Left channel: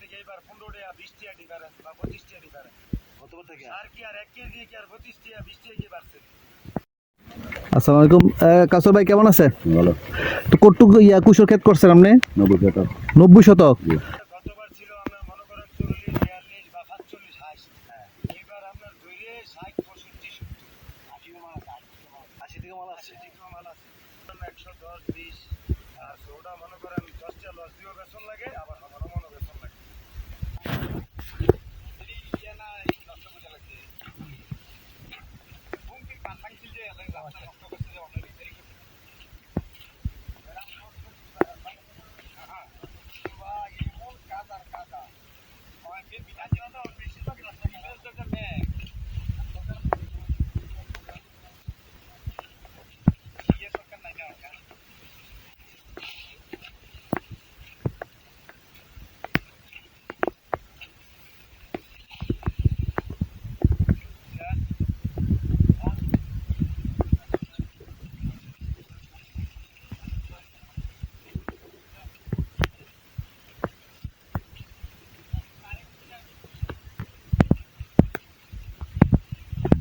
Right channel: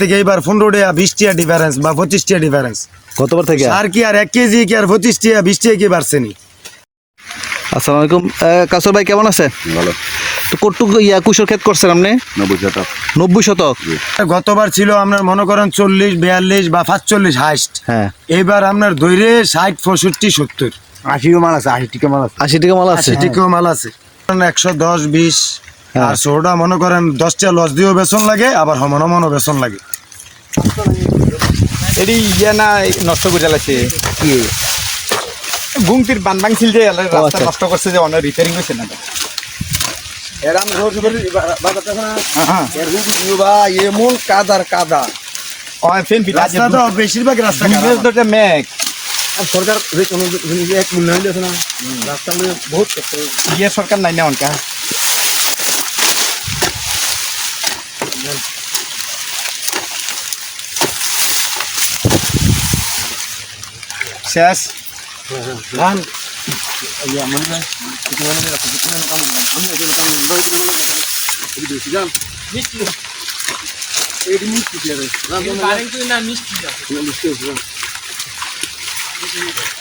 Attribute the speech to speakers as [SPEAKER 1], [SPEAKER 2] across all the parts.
[SPEAKER 1] থেকে এইবার পনেরো টাকা বিশ টাকা ডিফারেন্স বা পঁচিশ টাকা ডিফারেন্স
[SPEAKER 2] গতবার থেকে?
[SPEAKER 1] আর কি আর এক কেজি কি আর পঁচিশ টাকা বিশ টাকা কি বাড়ছে নি?
[SPEAKER 2] আসসালামু আলাইকুম। কাসর ভাই কেমন আছে?
[SPEAKER 3] ভালো।
[SPEAKER 2] তো কটুক ইয়া কুশোর ক্ষেত করছেন আপনি?
[SPEAKER 3] নব্বই টাকা
[SPEAKER 2] নব্বই শতক?
[SPEAKER 1] গতবার ছিল আপনার মনে করেন চল্লিশ বিয়াল্লিশ বা পাঁচচল্লিশ হাইস্ট।
[SPEAKER 2] হ্যাঁ।
[SPEAKER 1] এইবার আপনার দৈরে ষাট পঁয়ষট্টি সত্তর।
[SPEAKER 3] আশিও মাল আছে আশি টিকা মাল আছে।
[SPEAKER 2] আশি টাকা মাল আছে।
[SPEAKER 1] আশি টিকেও মাল আছে। একশো দশ বিশ।
[SPEAKER 2] হ্যাঁ।
[SPEAKER 1] আর মনে করেন দশটা লস দিয়েও বেতন লাগে আবার হমন হমনও বেতন লাগে।
[SPEAKER 4] এটি ইয়া না নষ্ট করে চালাইছে কি? গুমতির বান ভাঙছিল যে রাস্তা
[SPEAKER 2] আচ্ছা।
[SPEAKER 4] নষ্ট করছে যে অনেক রিপেয়ারিং হয়েছে না হ্যাঁ।
[SPEAKER 3] এমন কাদার কাদা।
[SPEAKER 4] ফেন
[SPEAKER 1] রাস্তা তো বেশিরভাগ রাস্তা খারাপ।
[SPEAKER 4] মেঘ
[SPEAKER 3] সরকার যে কোনো এক মূল্যায়ন দিয়েছে না। রাস্তা মানে বহুত
[SPEAKER 4] ইয়ে সরকার নাই না অনকা? শেষ?
[SPEAKER 1] ধান।
[SPEAKER 4] ইয়া এটা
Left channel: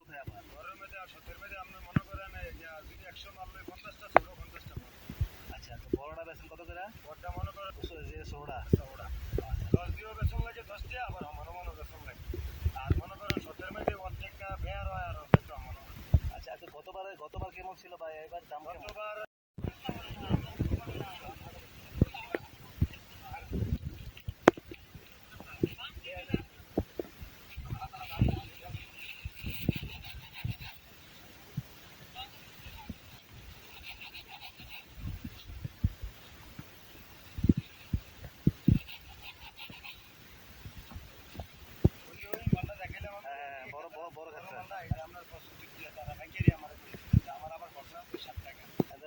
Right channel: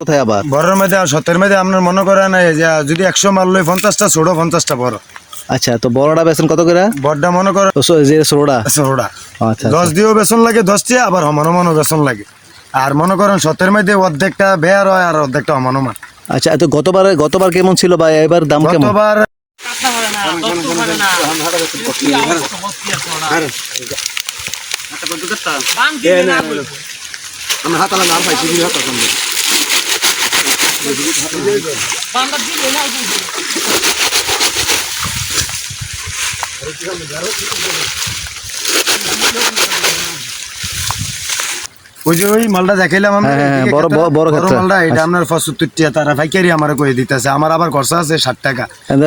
[SPEAKER 2] কোথায় আবার?
[SPEAKER 1] বড়ের মধ্যে আর সতের মধ্যে আপনার মনে করেন এই যে যদি একশো মাল লই পঞ্চাশটা ছোটো পঞ্চাশটা বড়।
[SPEAKER 2] আচ্ছা তো বড়টা বেছেন কত করে?
[SPEAKER 1] বড়টা মনে
[SPEAKER 2] সো- যে ষোলোটা
[SPEAKER 1] ছোটোটা
[SPEAKER 2] আচ্ছা
[SPEAKER 1] দশ দিয়েও বেতন লাগে দশটা আবার হমন হমনও বেতন লাগে। আর মনে করেন সতের মধ্যে অর্ধেকটা বেয়ার হয় আর অর্ধেকটা হমন
[SPEAKER 2] আচ্ছা তো গতবার গতবার কেমন ছিল ভাই? এবার দাম কেমন?
[SPEAKER 1] গতবার
[SPEAKER 3] আমি হাত আলাদা আর পাইছি হাত
[SPEAKER 1] ওই যে ওই মালটা দেখাইলাম আমরা
[SPEAKER 2] হ্যাঁ, হ্যাঁ, বড়- বড়- বড়
[SPEAKER 1] মালটা এটা আপনার পঁচাত্তর টাকা তারা পাইকারি আমার কয়ে দিতেছে। আমার আবার খরচা আছে ষাট টাকা।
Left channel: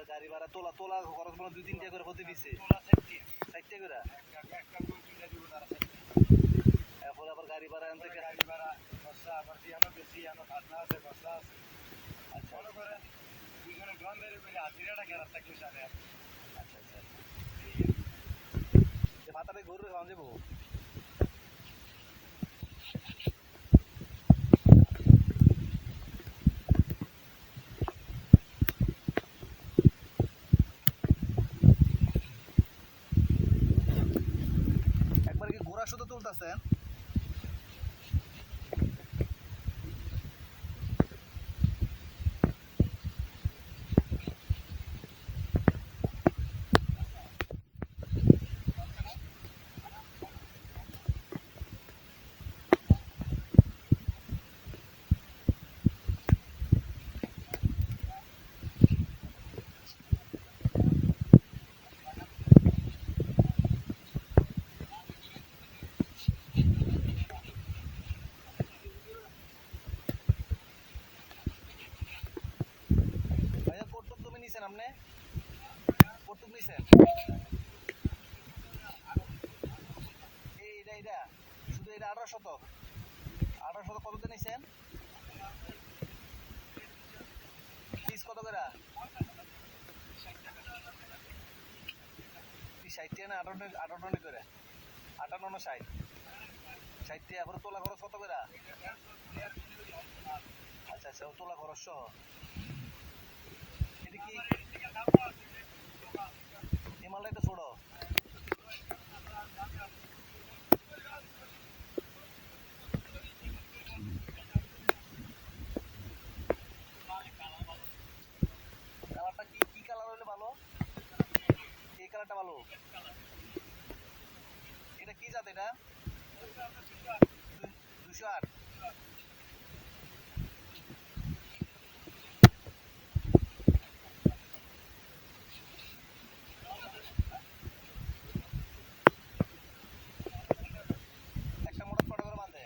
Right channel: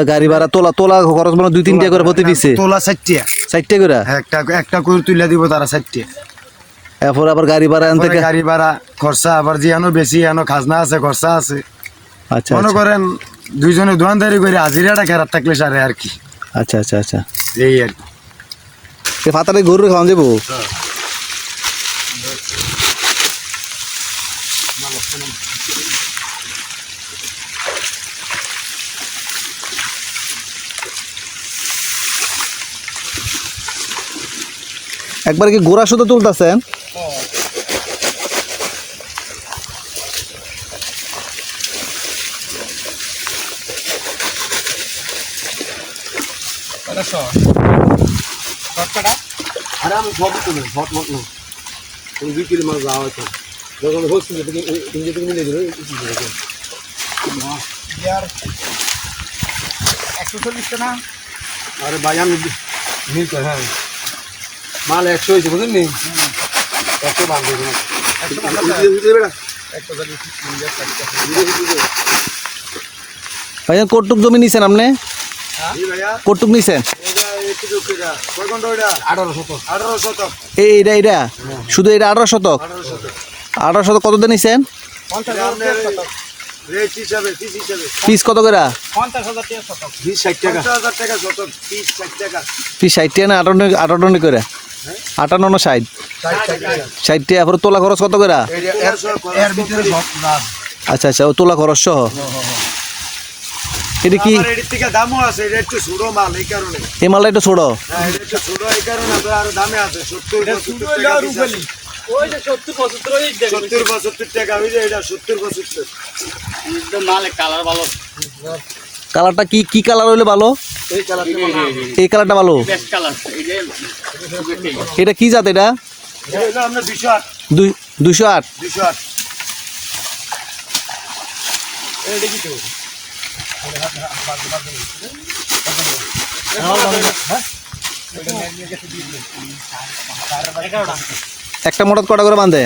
[SPEAKER 2] গাড়ি ভাড়া তোলা তোলা খরচ মানে দুই তিনটা করে প্রতি পিসে?
[SPEAKER 1] তোলা ষাট টাকা
[SPEAKER 2] চারটে করে?
[SPEAKER 1] একটা একটা করে তুলে দিব তারা ষাট টাকা
[SPEAKER 2] এরপর আবার গাড়ি ভাড়া এন থেকে
[SPEAKER 1] গাড়ি ভাড়া খরচা আবার যে এনো বেশি এনো খাজনা আছে খরচা আছে।
[SPEAKER 2] আচ্ছা
[SPEAKER 1] মনে
[SPEAKER 2] আচ্ছা।
[SPEAKER 1] করেন দুইজনে দোকানদারি করে হাজিরাটা কেরাত থাকলে সারে আর কি।
[SPEAKER 2] আচ্ছা আচ্ছা আচ্ছা।
[SPEAKER 1] এই আর কি।
[SPEAKER 2] ফাতারে গরু খাওয়ান যাব? একবার কি গোড়া শুধু তুলতেছেন?
[SPEAKER 3] আরে আমি সব তুলে হট হট না তুমি বিক্রি মাল যাওয়া হয়তো যখন হচ্ছে তুমি যে তুমি নিয়ে দিলে
[SPEAKER 4] একশো চল্লিশ টাকা
[SPEAKER 3] আরে ভাই আমি নিতে হ্যাঁ। মাল একশো হয়েছে বুঝলেন নি? একশো বান্ধব
[SPEAKER 2] ভাইজান কটুক জমি নিছেন আপনি? কটুক নিছেন?
[SPEAKER 3] আঠারো শত
[SPEAKER 1] আঠারো শতক।
[SPEAKER 2] এই এটা এটা শুধু এটা আঠারো শতক? আঠারো শতক। কত দিয়ে নিছেন?
[SPEAKER 1] পিস
[SPEAKER 2] কত করে?
[SPEAKER 1] পিস ষাট টাকা।
[SPEAKER 2] না আটান্ন আটান্ন করে? আটান্ন না ষাট?
[SPEAKER 1] ষাট টাকা।
[SPEAKER 2] ষাট তোলা খরচ কত করে? আচ্ছা আচ্ছা ও তোলা খরচ সহ। এটা কি?
[SPEAKER 1] আমার থেকে দামও আছে এটা একটু ছোট মাল এই কারণে।
[SPEAKER 2] এই মালটা একটু ছোটো।
[SPEAKER 1] হ্যাঁ এটা একটু ছোট এই কারণে আরও দামে আছে।
[SPEAKER 4] ওই যে
[SPEAKER 1] টাকা এটা সত্তর পঁচাত্তর।
[SPEAKER 4] মালে কালার ভালো।
[SPEAKER 2] কালারটা কি কি কালার হইলে ভালো?
[SPEAKER 3] এই কালারটা
[SPEAKER 2] ভালো। এটা কি জাত এটা?
[SPEAKER 1] হলো দুশো আট।
[SPEAKER 2] দুই দুশো আট।
[SPEAKER 1] দুশো আট।
[SPEAKER 2] একটা মোটর কটা করে বাঁধে?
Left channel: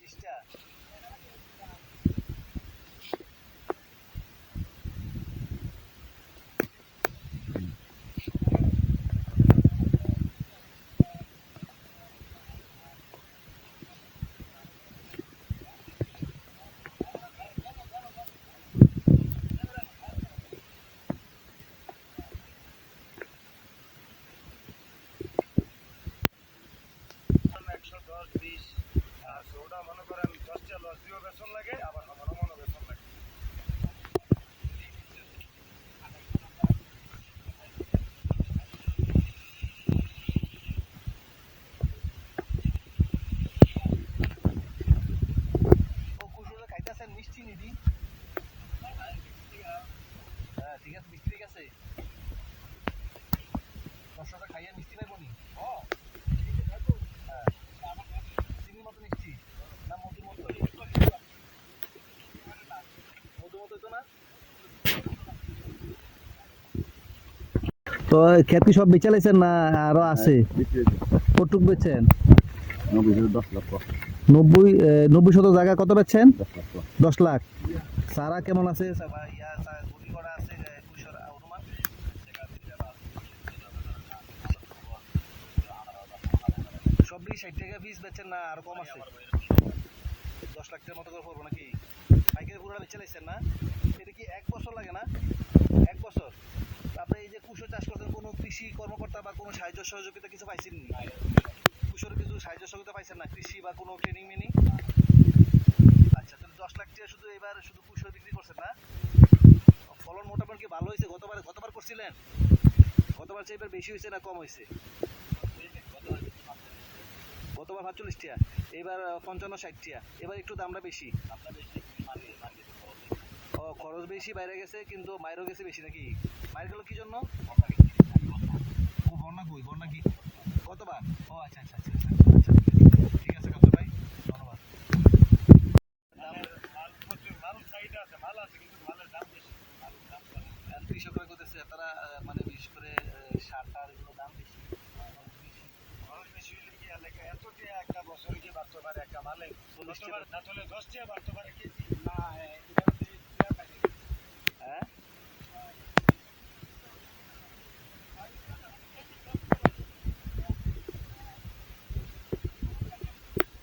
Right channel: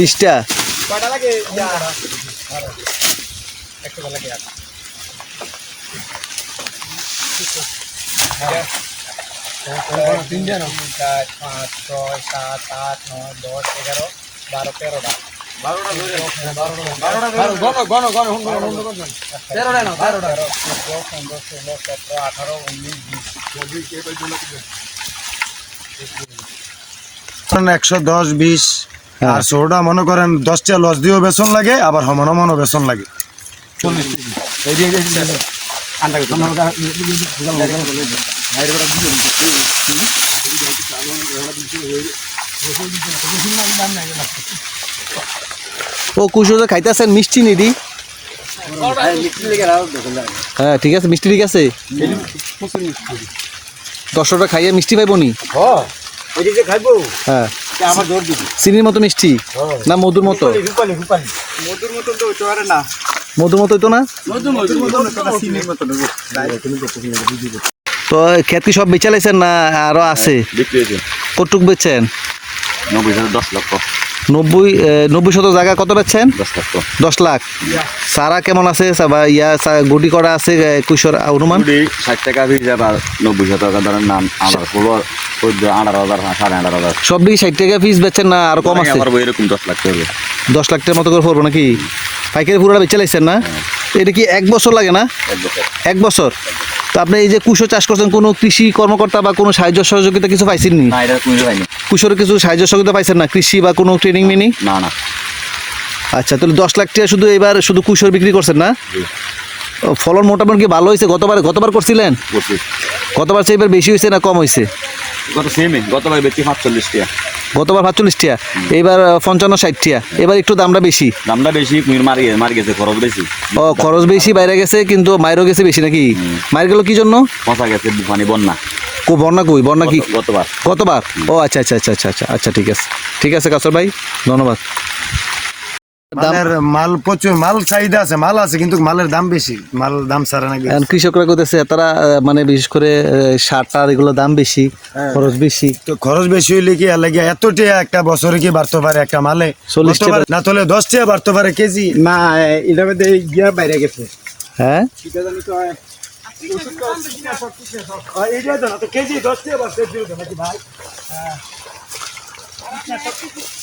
[SPEAKER 2] বিশটা।
[SPEAKER 4] কয়টা লাগে ইয়া, একশো লাগে আর। তিন চার পাঁচ ছয় সাত আট নয় দশ এগারো বারো তেরোটা।
[SPEAKER 1] একশো দশ বিশ আর ষোলোটা মনে করেন দশটা লস দিয়েও বেসন লাগে আবার সমান সমানও বেসন লাগে।
[SPEAKER 2] ও কুশো যে খাইতেছেন মিষ্টি নিদি। হ্যাঁ ঠিক আছে মিষ্টি ঠিক আছে। দশ দশটা খাইয়ে মিষ্টি পাইব নি? হ্যাঁ। চিনির মতো মিষ্টি? না মধুর মতো?
[SPEAKER 4] মধুর তো না
[SPEAKER 2] মতো তো না? তো খেত কি সব বেচে লাইছেন না আরও আছে? কটুক বেচছেন
[SPEAKER 5] নব্বই হাজার দশ লক্ষ।
[SPEAKER 2] নব্বই নব্বই শত জায়গা কত বেচছেন
[SPEAKER 5] দশ
[SPEAKER 2] লাখ সারা কেমন আছে? ইয়া গুটি করা আছে কুশোর অনুমান?
[SPEAKER 5] ষাট টাকা পিস আবার নব্বই শত টাকা ধরেন নাম ষোলো আঠারো হাজার সাড়ে আঠারো হাজার।
[SPEAKER 2] সব দিকে ষাট টাকা পিস বেচছেন না? আর কম আছে?
[SPEAKER 5] আমার এরকম দশ লাখ টাকা
[SPEAKER 2] দশ লাখ টাকার মতো করে পড়ব নাকি? পাইকারি পুরোটা বেচে লাইছেন না? এটা কি এক বছর লাগে না?
[SPEAKER 5] এক বছর?
[SPEAKER 2] তো আপনি এই যে কুশো চাষ করছেন কোনো কৃষি কর্মকর্তা বা কোনো সাহায্য সহযোগিতা কিছু পাইছেন নি
[SPEAKER 5] এটা হয়নি
[SPEAKER 2] কুশোর কিছু সাহায্য সহযোগিতা পাইছেন না? কৃষি বা কোনো ট্রেনিং মিনি
[SPEAKER 5] না না।
[SPEAKER 2] আচ্ছা তাহলে দশ লাখ টাকা শুধু এবার শুধু কুশোর বিক্রি করছেন না? ফলন মোটামুটি কি ভালো হয়েছে? গতবার গতবার করছিলেন?
[SPEAKER 5] করছি।
[SPEAKER 2] গতবার চেয়ে এবার বেশি হয়েছে না কম হয়েছে?
[SPEAKER 5] গত সেমই গতবার বেশি পাঁচচল্লিশ টাকা।
[SPEAKER 2] গতবার পাঁচচল্লিশ টিয়া এবার আহ, পঞ্চান্ন ষাট টিয়া। এবার একটু দামটা বেশি।
[SPEAKER 5] দামটা বেশি মার গেছে মারি গেছে খরচ বেশি।
[SPEAKER 2] ও খরচ বেশি বাইরে গেছে কিন্তু মায়েরও গেছে বেশি নাকি? মায়ের গেল কি জন্য?
[SPEAKER 5] পচা গেছে মানে বন্যা।
[SPEAKER 2] কো বন্যা কই? বন্যা কি?
[SPEAKER 5] গতবার। গতবার?
[SPEAKER 2] কতবার ও আচ্ছা আচ্ছা আচ্ছা আচ্ছা আচ্ছা আচ্ছা ঠিক আছে। ঠিক আছে কাসর ভাই ধন্যবাদ। দাম
[SPEAKER 1] মাল প্রচুর মাল চাহিদা আছে মাল আছে কিন্তু মালের দাম বেশি। মাল দাম ছাড়া নাকি
[SPEAKER 2] কৃষকরা করতেছে তারা মানে বিশেষ করে সার টার এগুলো দাম বেশি খরচ বেশি।
[SPEAKER 1] তো খরচ বেশি হইলে কি লাগে একটা বছরে কি বাড়তে পারে একটা মালে?
[SPEAKER 2] চল্লিশ
[SPEAKER 1] না তাহলে দশ বাড়তে পারে কেজি?
[SPEAKER 4] না এটা মধ্যে গিয়া বাইরে গেছে।
[SPEAKER 2] হ্যাঁ?
[SPEAKER 1] ভাই।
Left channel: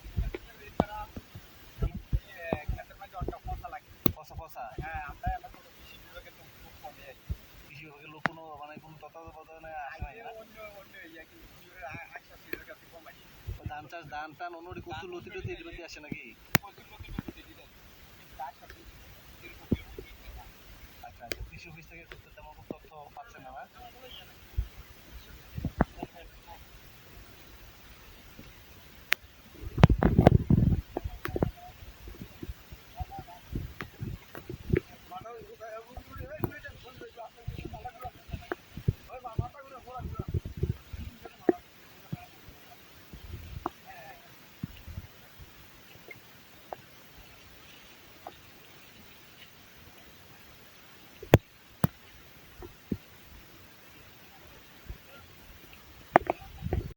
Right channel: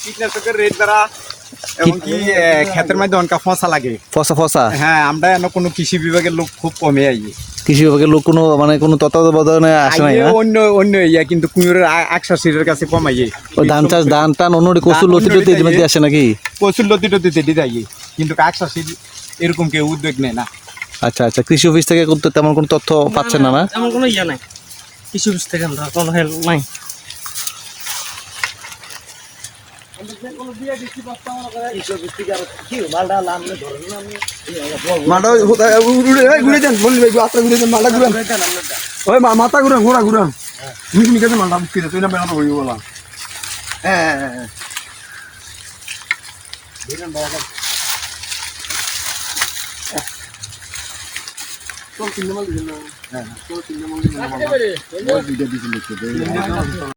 [SPEAKER 4] কীটনাশকের রেট দ্বারা এমনকি ক্ষেতের মধ্যে অনেক ফসা লাগে।
[SPEAKER 2] ফসা ফসা?
[SPEAKER 4] হ্যাঁ আমরা কোনো কৃষি বিভাগের লোক খুব কমে আই।
[SPEAKER 2] কৃষি বিভাগের লোক কোনো মানে কোনো তত্ত্বাবধানে আসে নাই না
[SPEAKER 4] অন্য অন্য ইয়া কিন্তু কুমিরের একশো সিটের কাছে কমাইয়ে
[SPEAKER 2] ওই ধান চাষ ধান টান অন্য কচুর লতি টতি এর আসে নাকি?
[SPEAKER 4] প্রচুর লতি টতি দিতে যাই কিন্তু একশো সিট এরকম কেউ উদ্যোগ নেয় না।
[SPEAKER 2] আচ্ছা আচ্ছা কৃষি অফিস থেকে তেমন কোনো তথ্য পাচ্ছেন না না
[SPEAKER 6] এমন কোনো ইয়ে নাই। কৃষি অফিস থেকে আমরা কোনো হেল্প নাই।
[SPEAKER 3] মাথা ঘুরে দেন বললি ভাই আত্রা ঘুরে দেন মাথা ঘুরান। ওই মা- মাথা ঘুরান ঘোরা ঘুরান। মিক মিকে মাথা মুক্তি তুই না বেড়ানো হইব বলা। হ্যাঁ হ্যাঁ হ্যাঁ তিনটে মাল দিন হ্যাঁ তিনটে মাল না